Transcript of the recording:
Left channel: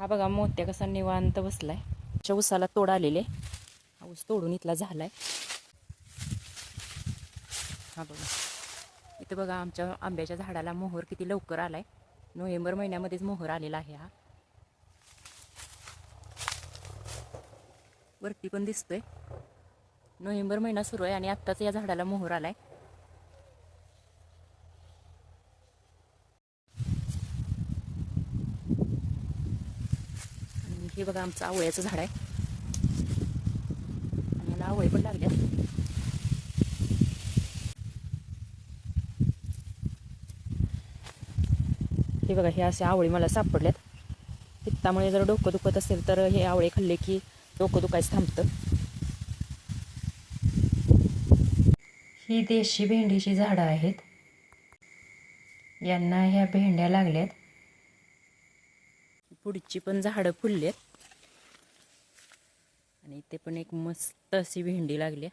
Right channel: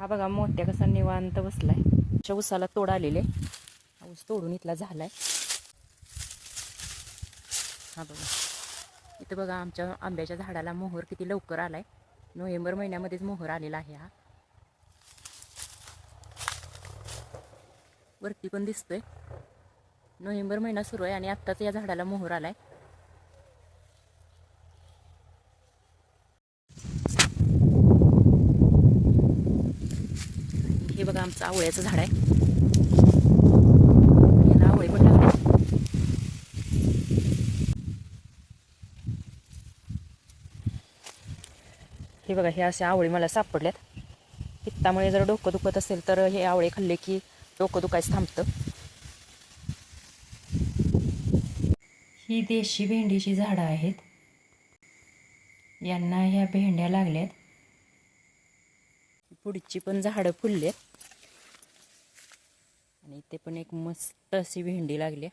हा बघा मोत्या कसा निवांत बसलाय. अशा उसाला तोड आलेले. हा ऊस तोडून इथला झालाय. हा बघा इथं बघा आमच्या आंब्याच्या झाडाला मोहर किती लवकर आलाय. नोव्हेंबर महिन्यामध्येच मोहर आलेला आहे. हा वरती पण दिसतोय. नोव्हेंबर महिना सुरू आहे आणि आत्ताच या झाडाला मोहर आलाय. हे बघा आमचं आवळ्याचं झाड आहे. याला आवळे पण लागले. हे बघा हे असे आवळे मला सापडल्यात. पित्तामुळे जर डोकं दुखत असेल तर हे आवळे खाल्ले की डोकं दुखायचं थांबतं. ही देशी भेंडीची झाडं आहेत. यांना ह्या भेंड्या लागल्यात. पुढची पण झाडं फुललेत आणि इथे पण एक मस्त अशी भेंडी लागली.